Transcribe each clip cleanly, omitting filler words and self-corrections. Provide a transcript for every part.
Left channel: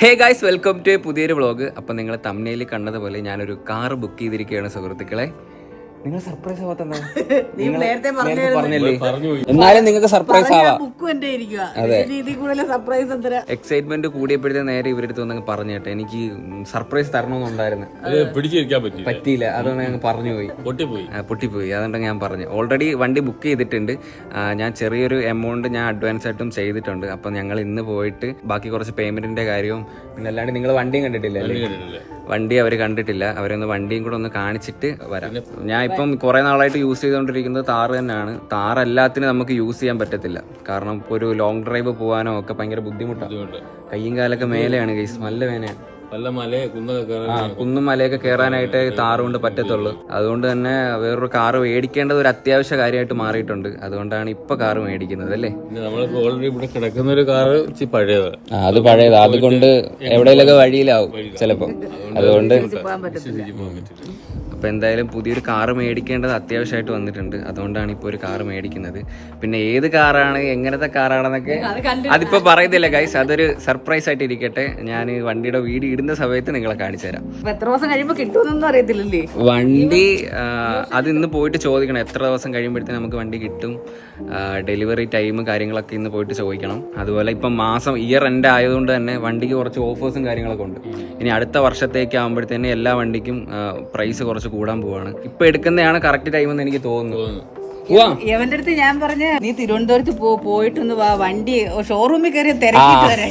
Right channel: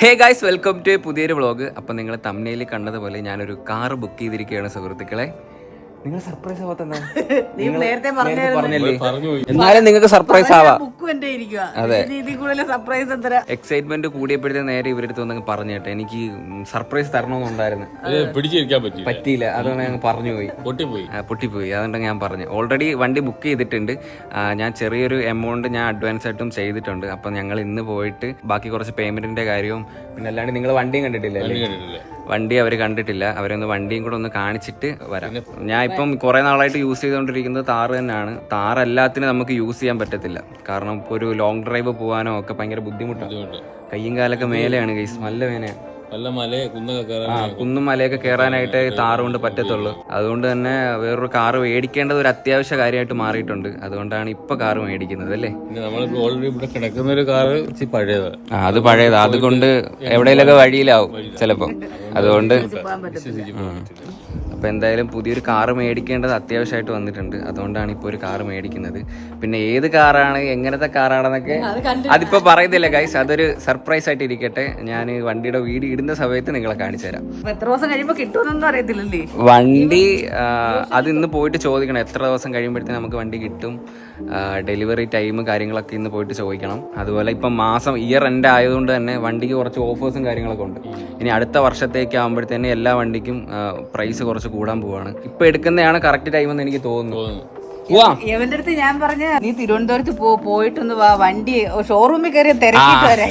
Hey guys, welcome to പുതിയൊരു vlog. അപ്പം നിങ്ങൾ തംബ്നെയിലിൽ കണ്ടതുപോലെ ഞാനൊരു കാർ ബുക്ക് ചെയ്തിരിക്കുകയാണ് സുഹൃത്തുക്കളെ. നിങ്ങൾ സർപ്രൈസ് ആവാത്തല്ലേ? എന്നാലും നിങ്ങൾക്ക് സർപ്രൈസ് ആവാം. അതെ, എക്സൈറ്റ്മെന്റ് കൂടിയപ്പോഴത്തെ നേരെ ഇവരടുത്ത് വന്നങ്ങ് പറഞ്ഞു കേട്ടെ, എനിക്ക് സർപ്രൈസ് തരണമെന്നുണ്ടായിരുന്നു, പറ്റിയില്ല. അതുകൊണ്ട് ഞങ്ങൾ പറഞ്ഞു പോയി, പൊട്ടിപ്പോയി. അതുകൊണ്ട് ഞാൻ പറഞ്ഞു. ഓൾറെഡി വണ്ടി ബുക്ക് ചെയ്തിട്ടുണ്ട്. ഞാൻ ചെറിയൊരു എമൗണ്ട് ഞാൻ അഡ്വാൻസ് ആയിട്ടും ചെയ്തിട്ടുണ്ട്. അപ്പം ഞങ്ങൾ ഇന്ന് പോയിട്ട് ബാക്കി കുറച്ച് പേയ്മെന്റിന്റെ കാര്യവും പിന്നെ അല്ലാണ്ട് നിങ്ങൾ വണ്ടിയും കണ്ടിട്ടില്ല, വണ്ടി അവർ കണ്ടിട്ടില്ല. അവരൊന്ന് വണ്ടിയും കൂടെ ഒന്ന് കാണിച്ചിട്ട് വരാം. ഞാൻ ഇപ്പം കുറെ നാളായിട്ട് യൂസ് ചെയ്തുകൊണ്ടിരിക്കുന്നത് താറ് തന്നെയാണ്. താറ് എല്ലാത്തിനും നമുക്ക് യൂസ് ചെയ്യാൻ പറ്റത്തില്ല, കാരണം ഇപ്പോൾ ഒരു ലോങ് ഡ്രൈവ് പോകാനോ ഒക്കെ ഭയങ്കര ബുദ്ധിമുട്ടാണ്. കയ്യും കാലൊക്കെ മേലെയാണ് ഗൈസ്, നല്ല വേനയാണ്. കുന്നും മലയൊക്കെ കയറാനായിട്ട് താറ് കൊണ്ട് പറ്റത്തുള്ളൂ. അതുകൊണ്ട് തന്നെ വേറൊരു കാറ് മേടിക്കേണ്ടത് ഒരു അത്യാവശ്യ കാര്യമായിട്ട് മാറിയിട്ടുണ്ട്. അതുകൊണ്ടാണ് ഇപ്പൊ കാറ് മേടിക്കുന്നത് അല്ലേ. അത് പഴയതാ, അതുകൊണ്ട് എവിടെയെങ്കിലൊക്കെ വഴിയിലാവും ചിലപ്പോ. അതുകൊണ്ട് അപ്പൊ എന്തായാലും പുതിയൊരു കാറ് മേടിക്കേണ്ടത് അത്യാവശ്യമായിട്ട് വന്നിട്ടുണ്ട്. അതുകൊണ്ടാണ് ഇപ്പോൾ ഒരു കാറ് മേടിക്കുന്നത്. പിന്നെ ഏത് കാറാണ്, എങ്ങനത്തെ കാറാണെന്നൊക്കെ അതിപ്പോ പറയുന്നില്ല ഗൈസ്, അതൊരു സർപ്രൈസ് ആയിട്ട് ഇരിക്കട്ടെ. ഞാൻ വണ്ടിയുടെ വീഡിയോ ഇടുന്ന സമയത്ത് നിങ്ങളെ കാണിച്ചു തരാം. വണ്ടി അത് ഇന്ന് പോയിട്ട് ചോദിക്കണം, എത്ര ദിവസം കഴിയുമ്പോഴത്തേക്ക് നമുക്ക് വണ്ടി കിട്ടും, ഡെലിവറി ടൈം കാര്യങ്ങളൊക്കെ ഇന്ന് പോയിട്ട് ചോദിക്കണം. അതുപോലെ ഇപ്പം മാസം ഇയർ എൻഡ് ആയതുകൊണ്ട് തന്നെ വണ്ടിക്ക് കുറച്ച് ഓഫേഴ്സും കാര്യങ്ങളൊക്കെ ഉണ്ട്. ഇനി അടുത്ത വർഷത്തേക്ക് ആകുമ്പോഴത്തേന് എല്ലാ വണ്ടിക്കും പ്രൈസ് കുറച്ച് കൂടാൻ പോവാണ്. ഇപ്പൊ എടുക്കുന്നതാണ് കറക്റ്റ് ടൈം എന്ന് എനിക്ക് തോന്നുന്നു. എവന്റെ അടുത്ത് ഞാൻ പറഞ്ഞ നീ തിരുവനന്തപുരത്ത് പോയിട്ടൊന്ന് വണ്ടി ഷോറൂമിൽ കയറി തിരക്കിട്ട് വരാൻ.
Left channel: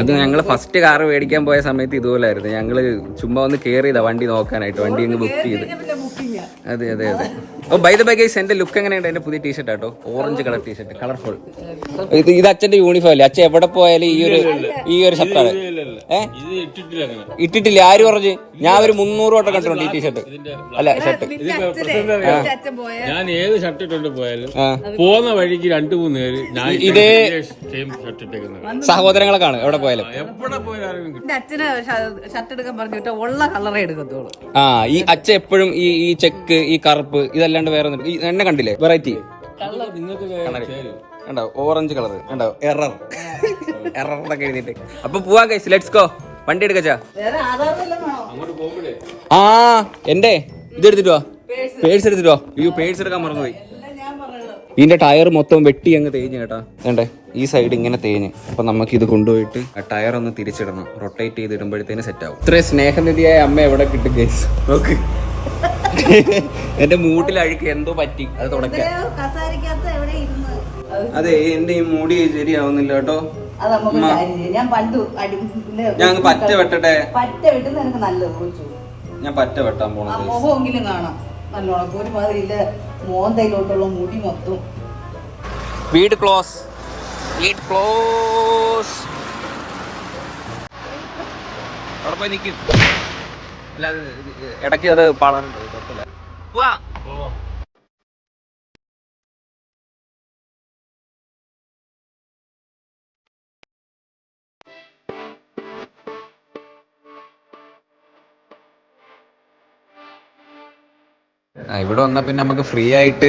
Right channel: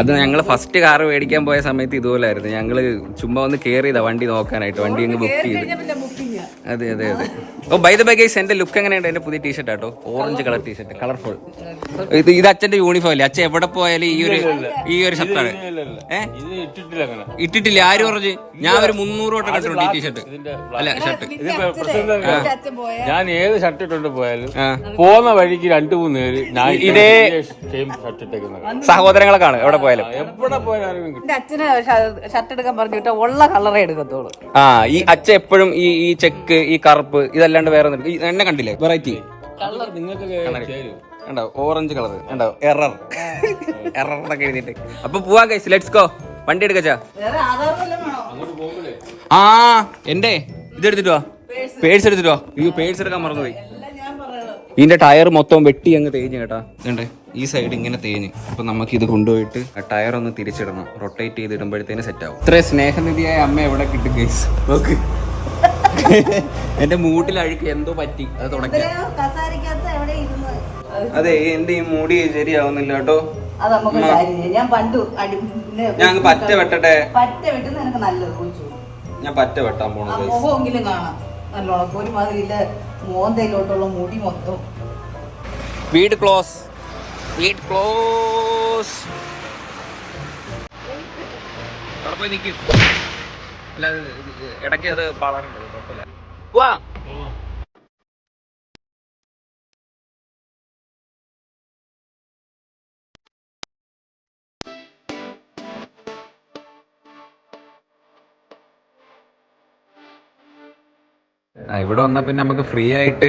അത് ഞങ്ങള് ഫസ്റ്റ് കാർ മേടിക്കാൻ പോയ സമയത്ത് ഇതുപോലായിരുന്നു. ഞങ്ങള് ചുമ്മാ ഒന്ന് കേറിയതാ വണ്ടി നോക്കാനായിട്ട്, വണ്ടി അങ്ങ് ബുക്ക് ചെയ്ത്. അതെ അതെ അതെ. ഓ ബൈ ദ ബൈ ഗൈസ്, എന്റെ ലുക്ക് എങ്ങനെയുണ്ട്? എന്റെ പുതിയ ടീഷർട്ട് ആട്ടോ, ഓറഞ്ച് കളർ ടീഷർട്ട്, കളർഫുൾ. ഇത് അച്ഛന്റെ യൂണിഫോം അല്ലേ? അച്ഛൻ എവിടെ പോയാലും ഈ ഒരു ഷർട്ടാണ്. ഇട്ടിട്ടില്ല, ആര് പറഞ്ഞു? ഞാൻ ഒരു 300 വട്ടം കണ്ടിട്ടുണ്ട് ഈ ടീഷർട്ട്, അല്ല ഷർട്ട്. ഞാൻ ഏത് ഷർട്ട് ഇട്ടോണ്ട് പോയാലും പോകുന്ന വഴിക്ക് 2-3 പേര് ഇതേ സഹോദരങ്ങളെ കാണും എവിടെ പോയാലും. അച്ഛന് ഷർട്ട് എടുക്കാൻ പറഞ്ഞിട്ട് ഉള്ള കളറേ എടുക്കത്തോളൂ. ഈ അച്ഛൻ എപ്പോഴും ഈ ചെക്ക്, ഈ കറുപ്പ്, ഇതല്ലാണ്ട് വേറെ ഈ എണ്ണ കണ്ടില്ലേ വെറൈറ്റി കണ്ടോ, ഓറഞ്ച് കളർ കണ്ടോ, എററൊക്കെ എഴുതിട്ട്. അപ്പൊ പോവാ ഗൈസ്, ലെറ്റ്സ് ഗോ. വണ്ടി എടുക്കച്ചാ. എന്റെ ഇത് എടുത്തിട്ട് വാ, പേഴ്സ് എടുത്തിട്ട് വാ. അയ്യോ പേഴ്സ് എടുക്കാൻ മറന്നുപോയി. ഇതിന്റെ ടയർ മൊത്തം വെട്ടി അങ്ങ് തേഞ്ഞ് കേട്ടാ. വേണ്ടേ ഈ സൈഡ് ഇങ്ങനെ തേഞ്ഞ്. അപ്പൊ നമുക്ക് ഇത് കൊണ്ടുപോയിട്ട് ടയർ ഒന്ന് തിരിച്ചിടണം, റൊട്ടേറ്റ് ചെയ്ത് ഇടുമ്പോഴത്തേന് സെറ്റ് ആവും. ഇത്രയും സ്നേഹനിധിയായ അമ്മ എവിടെ കിട്ടും ഗൈസ്? നോക്ക്, എന്റെ മൂട്ടിൽ അഴുക്ക് എന്തോ പറ്റി, അത് തുടക്കാം. അതെ, എന്റെ ഈ മുടി ശരിയാവുന്നില്ല കേട്ടോ. ഞാൻ പറ്റ വെട്ടട്ടെ, ഞാൻ പറ്റ വെട്ടാൻ പോണത്. വീട് ക്ലോസ്, വീട് ക്ലോസ്. അവിടെ പോയി നിൽക്കും, അല്ലാതെ ഇടയ്ക്ക് അത് പാടാനുണ്ട്, കുഴപ്പമില്ല. വാ. ഇവിടെ വന്നാൽ പിന്നെ നമുക്ക് ഫ്രീ ആയിട്ട്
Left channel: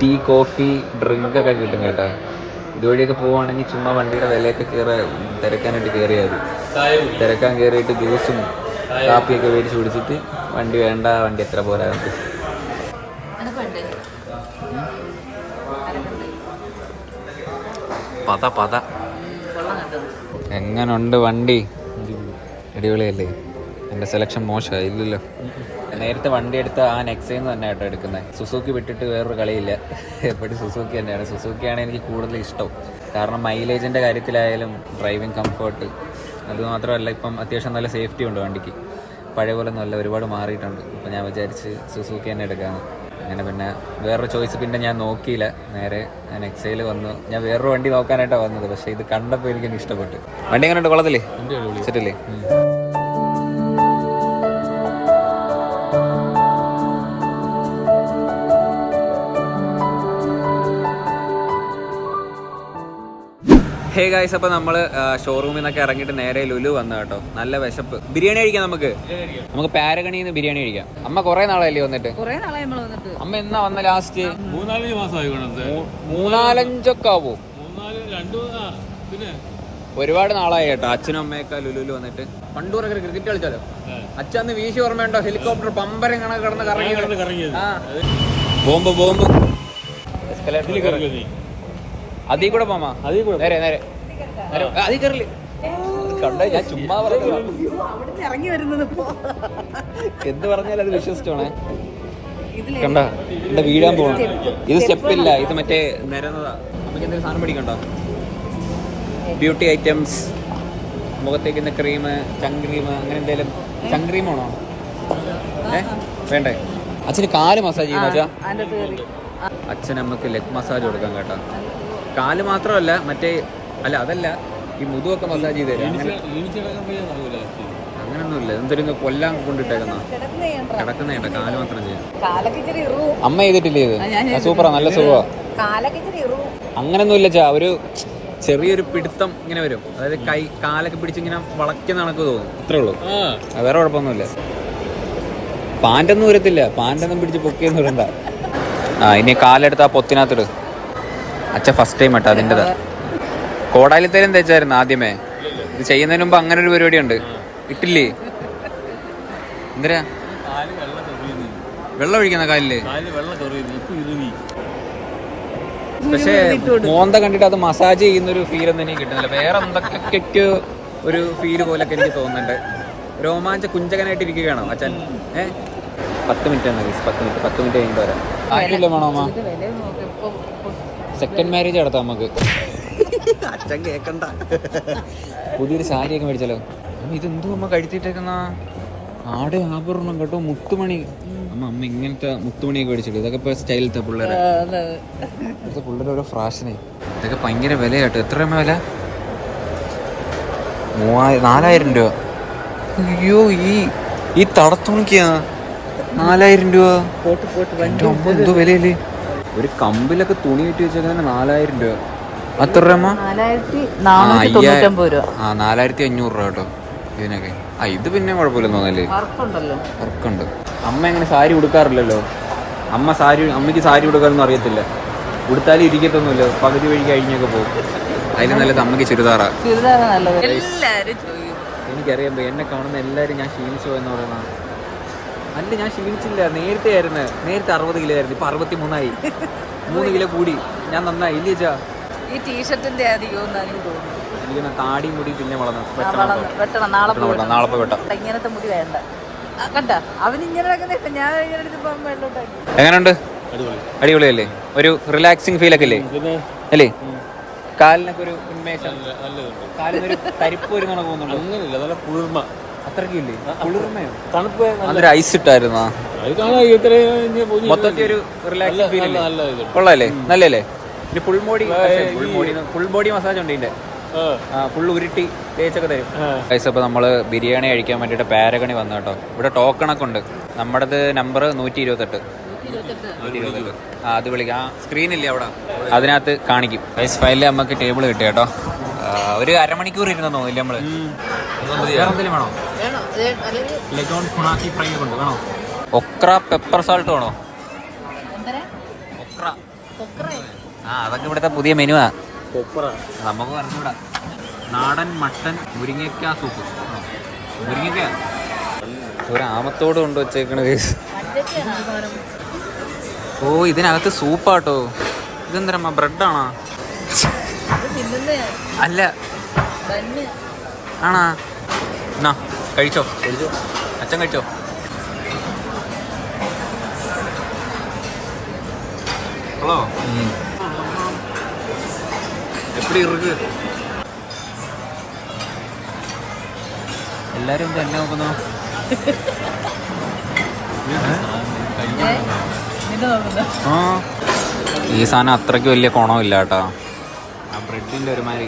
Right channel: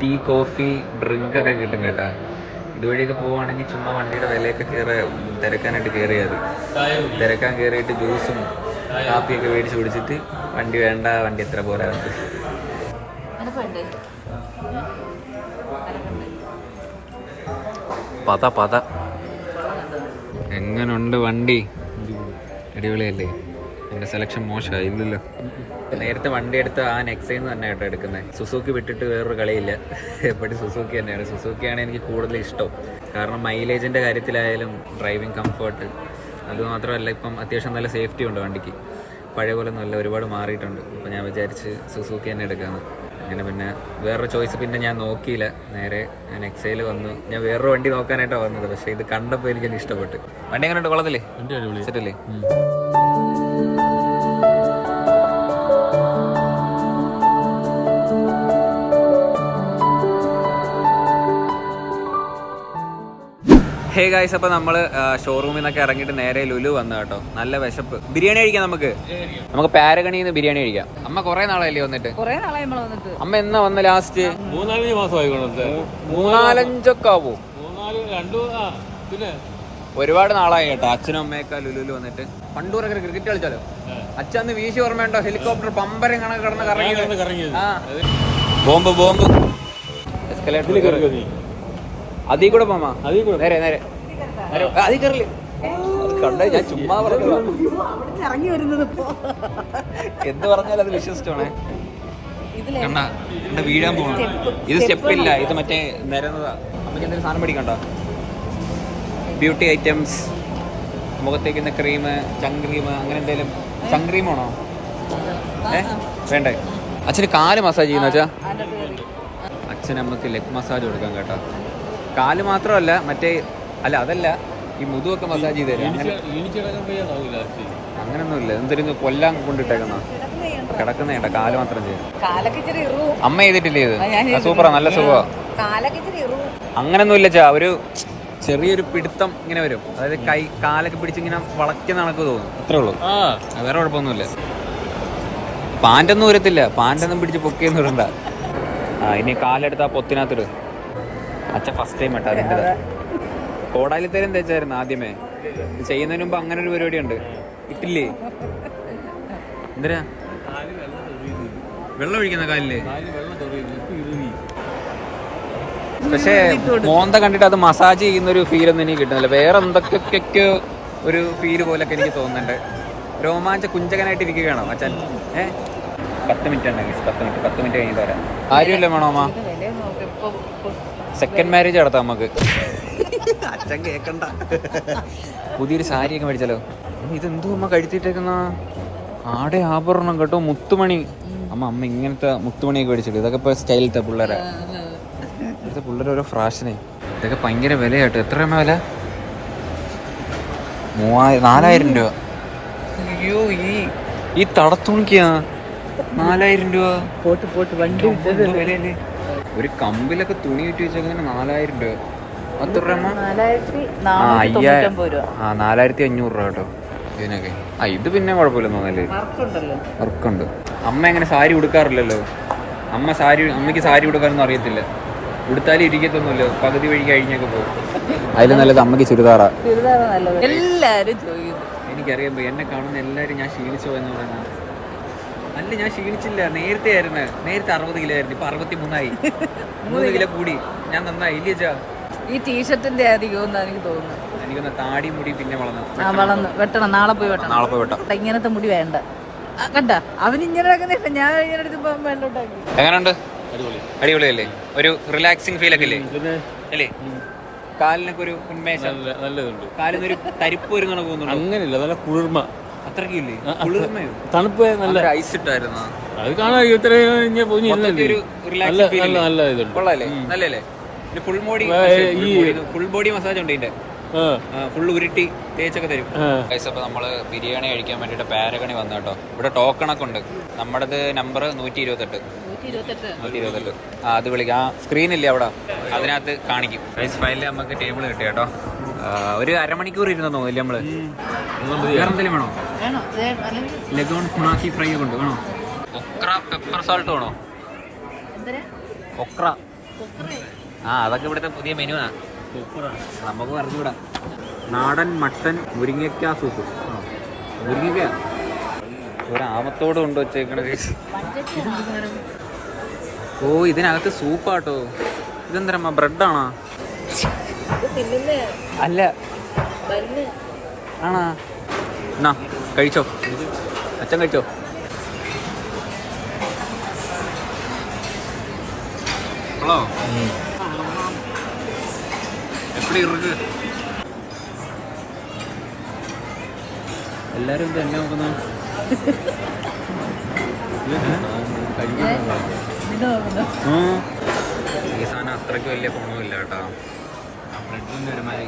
ടീ, കോഫി, ഡ്രിങ്ക് ഒക്കെ കിട്ടും കേട്ടാ. ഇതുവഴിയൊക്കെ പോവുകയാണെങ്കിൽ ചുമ്മാ വണ്ടിയുടെ വിലയൊക്കെ തിരക്കാനായിട്ട് കയറിയാൽ മതി. തിരക്കാൻ കയറിയിട്ട് ജ്യൂസും കാപ്പിയൊക്കെ മേടിച്ച് കുടിച്ചിട്ട് വണ്ടി വേണ്ട, വണ്ടി എത്ര പോരാ. പത എങ്ങനുണ്ട് വണ്ടി? അടിപൊളിയല്ലേ? എൻ്റെ സെലക്ഷൻ മോശമായി ഇല്ലല്ലോ. നേരത്തെ വണ്ടി എടുത്ത ആ നെക്സൈന്ന് തന്നെ ആയിട്ടോ എടുക്കുന്നത്. സുസുക്കി വിട്ടിട്ട് വേറൊരു കളിയില്ല, എപ്പോഴും സുസുക്കി തന്നെയാണ്. സുസുക്കിയാണ് എനിക്ക് കൂടുതൽ ഇഷ്ടം, കാരണം മൈലേജിൻ്റെ കാര്യത്തിലായാലും ഡ്രൈവിംഗ് കംഫർട്ട്, അതുമാത്രമല്ല ഇപ്പം അത്യാവശ്യം നല്ല സേഫ്റ്റി ഉണ്ട് വണ്ടിക്ക്. പഴയ പോലെ ഒന്നുമല്ല, ഒരുപാട് മാറിയിട്ടുണ്ട്. അപ്പോൾ ഞാൻ വിചാരിച്ച് സുസുക്കി തന്നെ എടുക്കാമെന്ന്. അങ്ങനെ പിന്നെ വേറൊരു ചോയ്സ് പിന്നെ ഞാൻ നോക്കിയില്ല, നേരെ ഞാൻ എക്സൈൽ വന്നു. ഞാൻ വേറൊരു വണ്ടി നോക്കാനായിട്ടാണ് വന്നത്, പക്ഷേ ഇത് കണ്ടപ്പോൾ എനിക്കൊന്ന് ഇഷ്ടപ്പെട്ടു. വണ്ടി എങ്ങനെ ഉണ്ട്? കൊള്ളത്തില്ലേ? സെറ്റല്ലേ? ഹേ ഗായ്സ്, അപ്പോൾ നമ്മൾ ഷോറൂമിൽ നിന്നൊക്കെ ഇറങ്ങിയിട്ട് നേരെ ലുലു വന്നു കേട്ടോ. നല്ല വിശപ്പ്. ബിരിയാണി കഴിക്കാം നമുക്ക് പാരഗണിന്ന് ബിരിയാണി കഴിക്കാം. അമ്മ കുറെ നാളല്ലേ വന്നിട്ട്? അമ്മ എന്ന് വന്ന് ലാസ്റ്റ് 3-4 മാസമായി. 3-5 ആവോ? പിന്നെ ഒരുപാട് നാളായി കേട്ടോ അച്ഛനും അമ്മയൊക്കെ ലുലുല് വന്നിട്ട്. പണ്ടൂരൊക്കെ ക്രിക്കറ്റ് കളിച്ചാലോ അച്ഛന്ന് വീശി ഓർമ്മയുണ്ടോ? ഹെലികോപ്റ്റർ പമ്പരം കണക്ക് കിടന്ന് കറങ്ങി. ബോംബ് അതീ കൂടെ പോമാ, നേരെ നേരെ അതീ കയറില്ല. എന്ത് പറഞ്ഞാലും അത് വിശ്വസിച്ചോണേ. കണ്ട വീഴാൻ പോകണം. ഇത് സ്റ്റെപ്പില്ല, ഇത് മറ്റേ നിരന്നതാ. നമുക്ക് എന്തെങ്കിലും സാധനം പിടിക്കണ്ടോ? ബ്യൂട്ടി ഐറ്റംസ്, മുഖത്തേക്കുന്ന ക്രീം, ചങ്ക്രീം, അങ്ങനെ എന്തെങ്കിലും. ചങ്ക്രീം ആണോ? വേണ്ടേ? അച്ഛന് കാല് മസാജ് ചെയ്യുന്ന വെച്ചാ അച്ഛൻ നമുക്ക് ലെഗ് മസാജ് കൊടുക്കാം കേട്ടോ. കാല് മാത്രമല്ല മറ്റേ അതല്ല ഈ മുതുവൊക്കെ മസാജ് ചെയ്ത് തരാം. അങ്ങനൊന്നുമില്ല. എന്തൊരു കൊല്ലാൻ കൊണ്ടിട്ടേക്കുന്ന കിടക്കുന്ന കാല് മാത്രം ചെയ്യാം. അമ്മ ചെയ്തിട്ടില്ലേ ഇത്? സൂപ്പറാ, നല്ല സുഖമാ. അങ്ങനൊന്നുമില്ല ചാ, ഒരു ചെറിയൊരു പിടുത്തം ഇങ്ങനെ വരും. അതായത് കാലൊക്കെ പിടിച്ച് ഇങ്ങനെ വളയ്ക്കുന്ന കണക്ക് തോന്നും, അത്രേ ഉള്ളൂ. വേറെ കുഴപ്പമൊന്നുമില്ല. പാൻ്റൊന്നും വരത്തില്ല, പാൻ്റൊന്നും പിടിച്ച് പൊക്കിയെന്ന് വരണ്ട. ഇനി കാലെടുത്ത് ആ പൊത്തിനകത്തിട്. അച്ഛ ഫസ്റ്റ് ടൈം കേട്ടോ അതിൻ്റെതാ. കോടാലിത്തേലും തേച്ചായിരുന്നു ആദ്യമേ. ഇത് ചെയ്യുന്നതിന് മുമ്പ് അങ്ങനെ ഒരു പരിപാടി ഉണ്ട്. ഇട്ടില്ലേ? എന്തരാ വെള്ളം ഒഴിക്കുന്ന കാലില്? പക്ഷേ മോന്ത കണ്ടിട്ട് അത് മസാജ് ചെയ്യുന്ന ഒരു ഫീലൊന്നും എനിക്ക് കിട്ടുന്നില്ല. വേറെ എന്തൊക്കെയൊക്കെ ഒരു ഫീല് പോലൊക്കെ എനിക്ക് തോന്നുന്നുണ്ട്. രോമാഞ്ച കുഞ്ചകനായിട്ട് ഇരിക്കുകയാണോ അച്ഛൻ? 10 മിനിറ്റ് ആണ്. 10 മിനിറ്റ് കഴിഞ്ഞിട്ട് വരാം. കാര്യമില്ല വേണോ അമ്മ? സെക്കൻഡ് മാരേജ് നടത്താം നമുക്ക്. അച്ഛൻ കേക്കണ്ട. പുതിയൊരു സാരിയൊക്കെ മേടിച്ചാലോ? ഇതെന്തോ അമ്മ കഴിച്ചിട്ടേക്കുന്ന ആടെ ആഭരണം കേട്ടോ, മുത്തുമണി. അമ്മ ഇങ്ങനത്തെ മുത്തുമണിയൊക്കെ മേടിച്ചിട്ട്. ഇതൊക്കെ ഇപ്പൊ സ്റ്റൈലത്തെ പിള്ളേരെ, ഇവിടുത്തെ പിള്ളേരെ ഓരോ ഫ്രാഷനായി. ഇതൊക്കെ ഭയങ്കര വില കേട്ടോ. എത്ര രൂപ വില? 4000 രൂപ. അയ്യോ, ഈ തടത്തുണിക്കാ 4000 രൂപ. എന്തോ വിലയല്ലേ? ഒരു കമ്പിലൊക്കെ തുണി കിട്ടി വെച്ചേക്കുന്ന 4000 രൂപ. അത്ര രൂപ? 4500 രൂപ കേട്ടോ ഇതിനൊക്കെ. ഇത് പിന്നെ കുഴപ്പമില്ലെന്ന് തോന്നല്ലേ? വർക്കുണ്ട്. അമ്മ എങ്ങനെ സാരി ഉടുക്കാറില്ലല്ലോ. അമ്മയ്ക്ക് സാരി ഉടുക്കാറൊന്നും അറിയത്തില്ല. ഉടുത്താലും ഇരിക്കത്തൊന്നുമില്ല, പകുതി വഴി കഴിഞ്ഞൊക്കെ പോകും. അതിൽ നല്ലത് അമ്മയ്ക്ക് ചുരിദാറാ. എനിക്കറിയാം, എന്നെ കാണുന്ന എല്ലാവരും ഞാൻ ക്ഷീണിച്ചോ എന്ന് പറയുന്ന. അല്ല, ഞാൻ ക്ഷീണിച്ചില്ല. നേരത്തെ 60 കിലോ ആയിരുന്നു, ഇപ്പൊ 63 ആയി. 3 കിലോ കൂടി. ഞാൻ നന്നായി ഇല്ലേ ചാ? ഈ ടീഷർട്ടിന്റെ എനിക്കൊന്ന് താടി മുടി പിന്നെ വളർന്നു. വെട്ടണം, നാളെ പോയി വെട്ടാം. ഇങ്ങനത്തെ മുടി വേണ്ട. എങ്ങനെയുണ്ട്? അടിപൊളിയല്ലേ? ഒരു റിലാക്സിങ് ഫീൽ ഒക്കെ അല്ലേ? കാലിനൊക്കെ ഒരു ഉന്മേഷം, കാലിനൊരു തരിപ്പ് വരുന്ന തോന്നുന്നുണ്ടോ? അത്രയ്ക്കും ഇല്ലേ? കുളിർമയോ? അതൊരു ഐസ് ഇട്ടായിരുന്നോ? മൊത്തത്തിൽ ഒരു റിലാക്സിങ് ഫീൽ ഇല്ലേ? കൊള്ളാല്ലേ? നല്ലല്ലേ? ഫുൾ ബോഡി മസാജ് ഉണ്ട് ഇതിന്റെ. ഫുൾ ഉരുട്ടി തേച്ചൊക്കെ തരും. അപ്പൊ നമ്മള് ബിരിയാണി കഴിക്കാൻ വേണ്ടിട്ട് പാരഗണി വന്നു കേട്ടോ. ഇവിടെ ടോക്കണൊക്കെ ഉണ്ട്. നമ്മുടേത് നമ്പർ 128. അത് വിളിക്കാം. സ്ക്രീനില്ലേ അവിടെ, അതിനകത്ത് കാണിക്കും. റൈസ് ഫയലിൽ നമുക്ക് ടേബിൾ കിട്ടി കേട്ടോ. ഒരു അരമണിക്കൂർ ഇരുന്ന് തോന്നില്ല നമ്മള്. വേറെ എന്തെങ്കിലും വേണോ? ലഗോൺ ഫുണാക്കി ഫ്രൈ കൊണ്ട് വേണോ? ഒക്ര പെപ്പർ സാൾട്ട് വേണോ? ഒക്ര അതൊക്കെ ഇവിടുത്തെ പുതിയ മെനുവാ. നമുക്ക് പറഞ്ഞുകൂടാ. നാടൻ മട്ടൻ മുരിങ്ങയ്ക്ക സൂപ്പ്. മുരിങ്ങയ്ക്ക ഒരാമത്തോട് കൊണ്ട് വെച്ചേക്കണ. ഓ, ഇതിനകത്ത് സൂപ്പാട്ടോ. ഇതെന്തരമ്മ, ബ്രെഡാണോ? അല്ല, ആണാ? എന്നാ കഴിച്ചോ, അച്ഛൻ കഴിച്ചോ. ഹലോ, എപ്പടി ഇருக்கு? എല്ലാരും എന്നെ നോക്കുന്ന. ഈ സാധനം അത്രയ്ക്ക് വലിയ ഗുണമില്ല കേട്ടോ. ബ്രെഡിന്റെ ഒരുമാതിരി.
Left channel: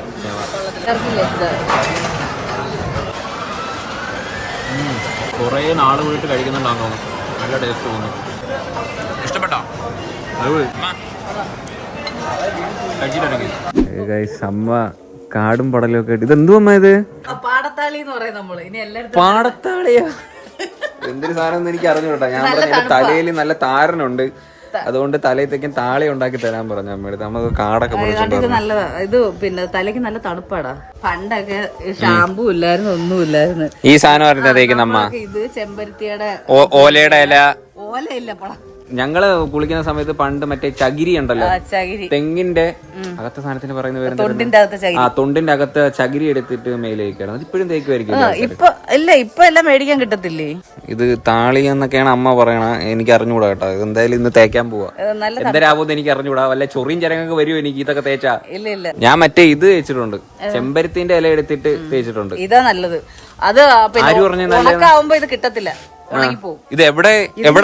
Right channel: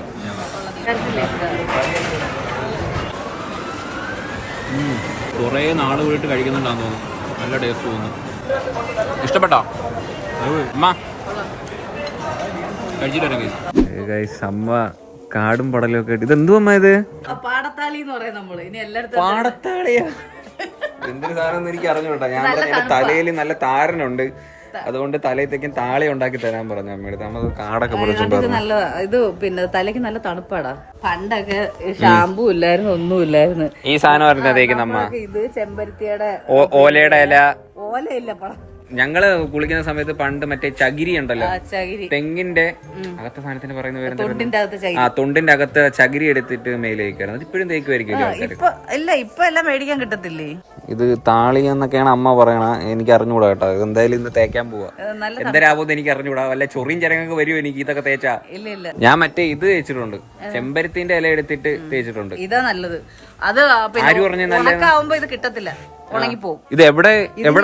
കുറേ നാൾ പോയിട്ട് കഴിക്കുന്നുണ്ടാന്ന് തോന്നുന്നു. നല്ല ടേസ്റ്റ് തോന്നുന്നു. ഇഷ്ടപ്പെട്ടോ? അമ്മ കാടും പടലും ഒക്കെ. ഇതെന്തു അമ്മ ഇത്? പാടത്താളി എന്ന് പറയും നമ്മള്. ഇനി എല്ലായിടത്തും പാടത്താളിയാ? എന്തൊരു സാധനം എനിക്ക് അറിഞ്ഞു കേട്ടോ. ഞാൻ തലയിൽ നല്ല താരനുണ്ട്. അതുകൊണ്ട് തലയത്തേക്കും താളി ഉണ്ടാക്കി തരാൻ പറഞ്ഞു അമ്മയുടെ. നമുക്ക് കാടൊക്കെ ഇത് നല്ലതാ. ഇത് പിന്നെ തലയ്ക്ക് നല്ല തണുപ്പാടാ. പണ്ടൊക്കെ ഷാമ്പൂ ഇല്ലായിരുന്നു, ഒന്നും ഇല്ലായിരുന്നു. ഈ സാധനം തേക്കുന്ന ഇത് ചെമ്പരത്തിയുടെ ഓലയുടെ ഇല. ഓലയില്ല പണം. ഞങ്ങള് കുളിക്കുന്ന സമയത്ത് പണ്ട് മറ്റേ ചകിരി ഉണ്ടല്ലോ, തെങ്ങിന്റെ അകത്തെ സാധനത്തിന് പറയുന്ന പേര് തൊണ്ടിന്റെ അകത്ത് ചകിരി എടുത്തിട്ട് മേലെ വയ്ക്കണം. അത് ഇപ്പോഴും തേക്കുമായിരിക്കും. ഇപ്പൊ എല്ലാം മേടിക്കാൻ കിട്ടത്തില്ലേ? ഇത് താളി എന്നൊക്കെയാണ് അമ്മ പറയണ. എനിക്ക് അറിഞ്ഞുകൂടാ കേട്ടോ. എന്തായാലും ഇന്ന് തേക്കാൻ പോവാ. എന്തരാവോന്ന് എനിക്ക് അറിഞ്ഞുകൂടാ. വല്ല ചൊറിയും ചരങ്ങൊക്കെ വരുമോ എനിക്ക് ഇതൊക്കെ തേച്ചാ? ഞാൻ മറ്റേ ഇത് തേച്ചിട്ടുണ്ട്, ചെമ്പരത്തിന്റെ ഇല എടുത്തിട്ട് തേച്ചിട്ടുണ്ട്. ഇതാ നല്ലത്. അത് ആര് പറഞ്ഞു നല്ലതാവുമ്പോ ഇത് കിട്ടത്തില്ല, ഉണങ്ങിപ്പോവും. ഇത് എവിടെ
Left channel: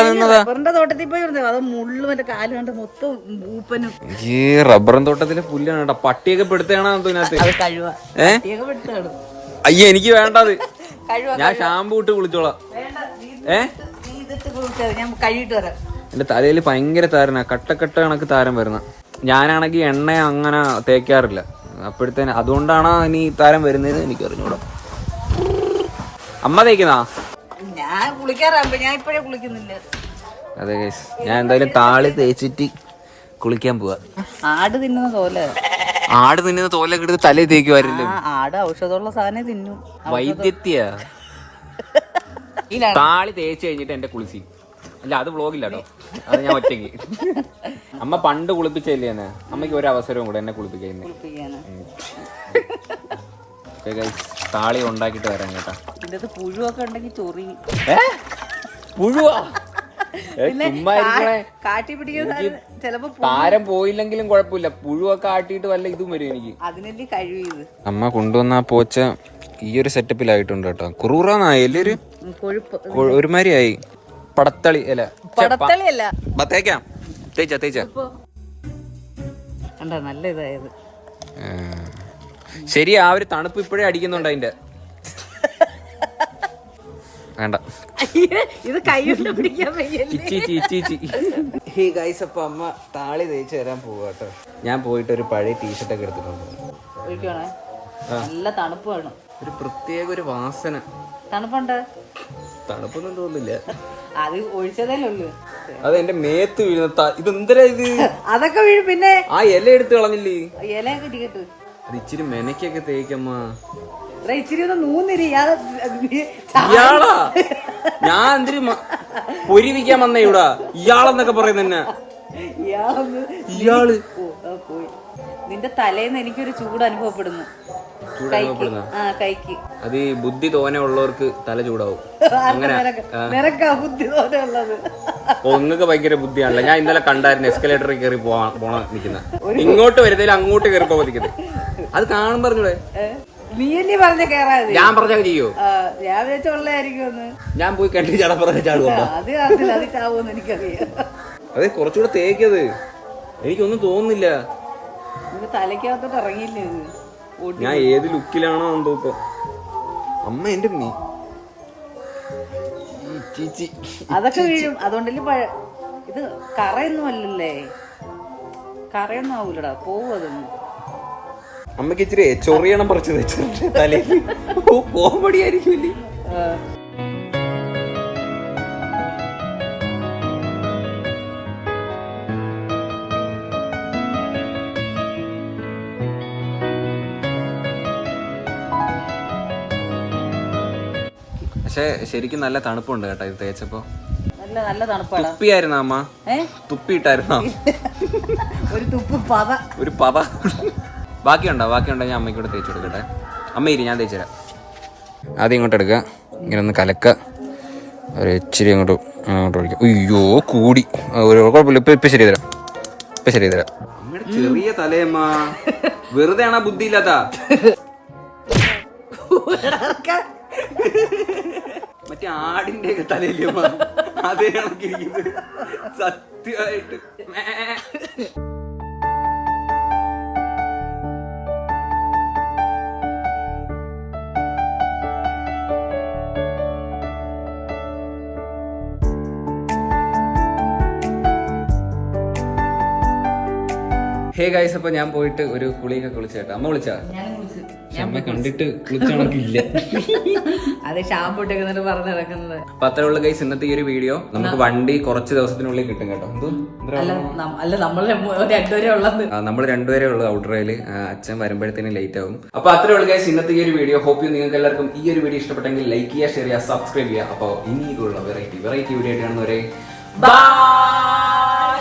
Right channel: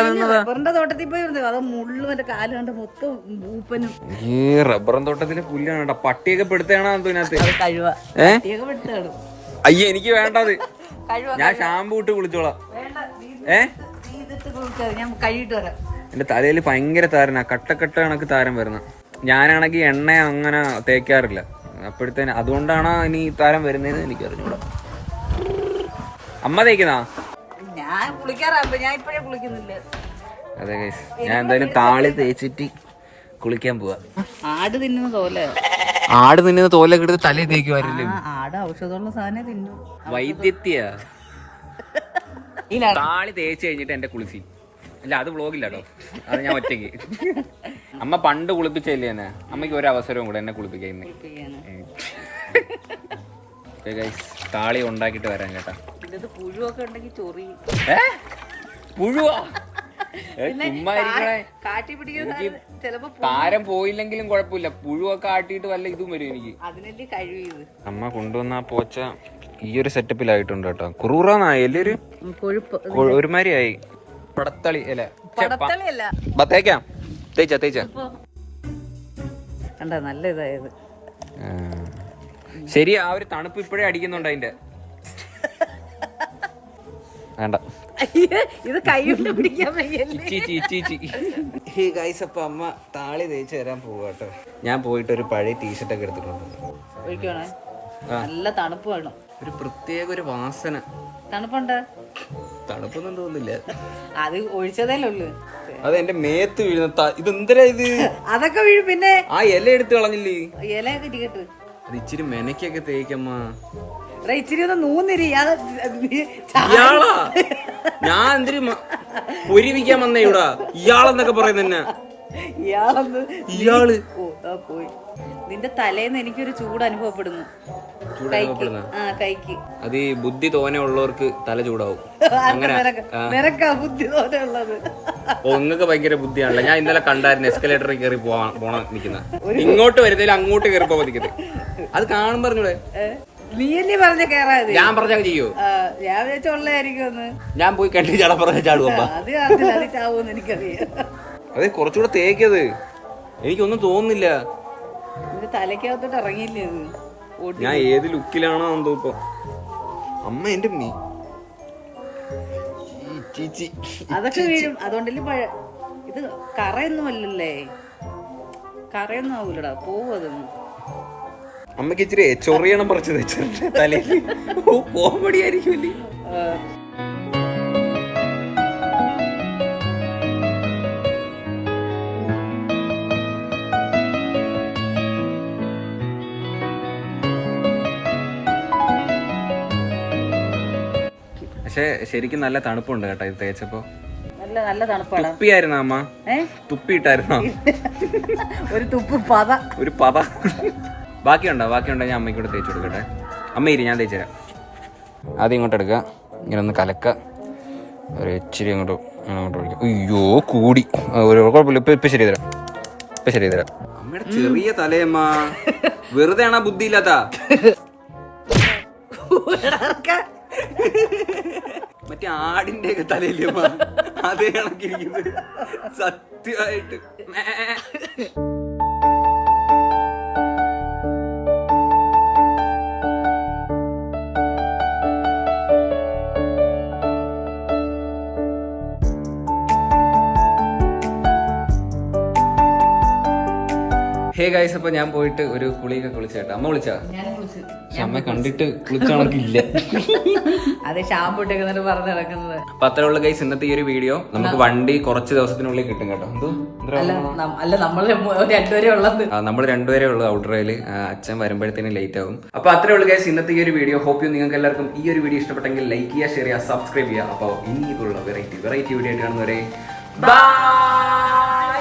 നിന്നതാ? റബ്ബറിന്റെ തോട്ടത്തിൽ പോയി അത് മുള്ളു മറ്റേ കാല് കണ്ട മൊത്തം ഊപ്പനും. ഈ റബ്ബറും തോട്ടത്തിലെ പുല്ലാണ് കേട്ടോ. പട്ടിയൊക്കെ പെടുത്തണോ ഇതിനകത്ത്? അയ്യ എനിക്ക് വേണ്ടത്. ഞാൻ ഷാമ്പൂ ഇട്ട് കുളിച്ചോളാം. എന്റെ തലയിൽ ഭയങ്കര താരനാ, കട്ടക്കട്ട കണക്ക് താരം വരുന്ന. ഞാനാണെങ്കിൽ എണ്ണ അങ്ങനെ തേക്കാറില്ല. അപ്പോഴത്തേന് അതുകൊണ്ടാണ് ഇനി താരം വരുന്നത് എനിക്ക് അറിഞ്ഞൂടാ. അമ്മ തേക്കുന്നാ? ഞാൻ കുളിക്കാറാകുമ്പോ ഞാൻ ഇപ്പഴേ കുളിക്കുന്നില്ല. അതെ ഗൈസ്, ഞാൻ എന്തായാലും താളി തേച്ചിട്ട് കുളിക്കാൻ പോവാ. ആട് തിന്നുന്ന തോലൊക്കെ എടുത്ത് തലയിൽ തേക്കുമാരില്ലേ? ആട് ഔഷധമുള്ള സാധനം തിന്നു. വൈദ്യത്യ താളി തേച്ച് കഴിഞ്ഞിട്ട് എന്റെ കുളിച്ചി. അല്ല അത് വ്ളോഗില്ല കേട്ടോ, അത് ഞാൻ ഒറ്റയ്ക്ക്. അമ്മ പണ്ട് കുളിപ്പിച്ചല്ലേ എന്നെ. അമ്മയ്ക്ക് ഒരു അവസരവും കൂടെ എന്നെ കുളിപ്പിക്കാൻ. താളി ഉണ്ടാക്കിട്ട് വരാൻ കേട്ടാ. പുഴുവൊക്കെ ഉണ്ടെങ്കിൽ ചൊറി. പുഴുവാ? ചുമ്മാ ഇരിക്കണേ. എനിക്ക് താരം പോയില്ലെങ്കിലും കുഴപ്പമില്ല, പുഴുവൊക്കെ ആട്ടിയിട്ട് വല്ല ഇതും വരും എനിക്ക്. അമ്മ കൊണ്ടുവന്ന ആ പോച്ച ഈ ഒരു സെറ്റപ്പിലായിട്ടുണ്ട് കേട്ടോ. കുറുറാന്നായി എല്ലാരും ഒരുമാതിരി ആയി. പടത്തളി അല്ല, തേക്കാം. തേച്ച നല്ല ഇതായത്. ശരി, ആ ഒരു തണുപ്പ് ഇപ്പോഴേ അടിക്കുന്നുണ്ട് അതിന്റെ. വേണ്ട, ഇത് കൈകൊണ്ട് പിടിക്കാൻ അപ്പൊ അമ്മ താളി തേച്ച് തരാൻ പോവാട്ടോ. ഞാൻ പോയിട്ട് ഒരു പഴയ ടീഷർട്ടൊക്കെ എടുത്തിട്ടുണ്ട്. നല്ല തണുപ്പ് വേണം. ഒരു പ്രത്യേക ഒരു വാസന. തണുപ്പുണ്ട്? തണുപ്പൊന്നും തോന്നില്ല, അത് ഒഴിച്ചതേ ഉള്ളു. അത് എന്റെ മേത്ത് വീഴുന്ന. ഇതെന്തരാ ഇത്? അതൊക്കെ വീഴും. പിന്നെ ആ ഇല എടുത്ത് കളഞ്ഞില്ലേ? ഇലയൊക്കെ ഇരിക്കട്ടെ. അത് ഇച്ചിരി മെനക്കൊക്കെ തേക്കമ്മ. ഇച്ചിരി ഒന്ന് നൂന്നിരി. ഇയാളാ? ഞാൻ എന്തിരി പൊരിവിക്കാൻ വന്നേ ഇവിടെ? ഇയാളെന്നൊക്കെ പറയുന്ന ഇയാള് പോയി. നിന്റെ തലേന്ന് എനിക്കൊരു ചൂട് അനുഭവപ്പെടുന്നു. കൈക്ക് അത് ഈ ബുദ്ധി തോനെ ഉള്ളവർക്ക് തല ചൂടാവും. അങ്ങനെ ബുദ്ധി തോനെ ഉള്ളത്. ഓ, നിങ്ങൾക്ക് ഭയങ്കര ബുദ്ധിയാണല്ലോ. ഞാൻ ഇന്നലെ കണ്ടായിരുന്നു എസ്കലേറ്ററിൽ കയറി പോണ നിൽക്കുന്ന. ഇങ്ങോട്ട് വരുന്നതിൽ അങ്ങോട്ട് കയറി പോകാൻ നിൽക്കുന്നത്. അത് കാണും പറഞ്ഞൂടെ? നീ എന്നെ പറഞ്ഞ കേറാതെ. ഞാൻ പറഞ്ഞാൽ ചെയ്യോ? ഞാൻ വിചാരിച്ചുള്ളായിരിക്കും. ഞാൻ പോയി കണ്ടി ചാടാ പറഞ്ഞ ചാടുമ്പോ അത് ചാവൂന്ന് എനിക്കറിയാം. അതെ, കുറച്ചുകൂടെ തേക്കത്. എനിക്കൊന്നും തോന്നുന്നില്ല. തലക്കകത്തോട്ട് ഇറങ്ങിയില്ലേ? ഞാൻ ഏത് ലുക്കിലാണോ എന്തോ ഇപ്പൊ. അമ്മ എന്റെ അതൊക്കെ വീഴും. അതുകൊണ്ടല്ലേ ഇത് കറയൊന്നും അല്ലല്ലേ. കറയൊന്നും ആവൂലടാ, പോവും അതൊന്നും. അമ്മക്ക് ഇച്ചിരി ചൊറിയണം പറിച്ചു വെച്ചിട്ടുണ്ട് തലേ. കോമഡി ആയിരിക്കും. പക്ഷെ ശരിക്കും നല്ല തണുപ്പുണ്ട് കേട്ടോ ഇത് തേച്ചപ്പോ. നല്ല തണുപ്പാണ്. തുപ്പിയായിരുന്നോ അമ്മ? തുപ്പിയിട്ടായിരുന്നോ? ഒരു പത. ബാക്കിയുണ്ടോ ഞാൻ അമ്മയ്ക്ക് കൂടെ തേച്ച് കൊടുക്കട്ടെ. അമ്മ ഇരി, ഞാൻ തേച്ചുതരാം. ആദ്യം ഇങ്ങോട്ട് എടുക്കുക, ഇങ്ങനെ ഒന്ന് കലക്ക, ഒരു ഇച്ചിരി അങ്ങോട്ട് ഒഴിക്കുക. അയ്യോ കൂടി, കുഴപ്പമില്ല. ഇപ്പൊ ശരി തരാം. അമ്മയുടെ ചെറിയ തലയമ്മ, വെറുതെ ആണോ ബുദ്ധി ഇല്ലാത്ത? മറ്റേ ആടിന്റെ ഒക്കെ തലയില്ലേ അതേ കണക്കിരിക്കുന്നത് സത്യമായിട്ട്. ഹേ ഗൈസ്, അപ്പൊ ഞാൻ പോയിട്ട് ഒരു കുളിയൊക്കെ കുളിച്ചേട്ടാ. അമ്മ വിളിച്ചാ? പക്ഷെ അമ്മ കണ്ടിട്ട് കുളിച്ച കണക്കില്ല. അത് ഷാമ്പു ഇട്ടേക്കുന്നിട്ട് പറഞ്ഞു നടക്കുന്നത്. അപ്പൊ അത്രേ ഉള്ളു ഗൈസ് ഇന്നത്തെ ഈ ഒരു വീഡിയോ. നമുക്ക് വണ്ടി കുറച്ച് ദിവസത്തിനുള്ളിൽ കിട്ടും കേട്ടോ. അല്ല നമ്മൾ രണ്ടുപേരെ ഉള്ളത്, നമ്മൾ രണ്ടുപേരേ ഉള്ളൂ ഔട്ട്ഡ്രയില്. അച്ഛൻ വരുമ്പോഴത്തേനും ലേറ്റ് ആവും. അപ്പൊ അത്രേ ഉള്ളു ഗൈസ് ഇന്നത്തെ ഈ ഒരു വീഡിയോ. ഹോപ്പ് യു നിങ്ങൾക്ക് എല്ലാവർക്കും ഈ ഒരു വീഡിയോ ഇഷ്ടപ്പെട്ടെങ്കിൽ ലൈക്ക് ചെയ്യുക, ഷെയർ ചെയ്യുക, സബ്സ്ക്രൈബ് ചെയ്യുക. അപ്പോൾ ഇനി ഇതുള്ള വെറൈറ്റി വീഡിയോ ആയിട്ട് കാണുന്നവരെ ബൈ.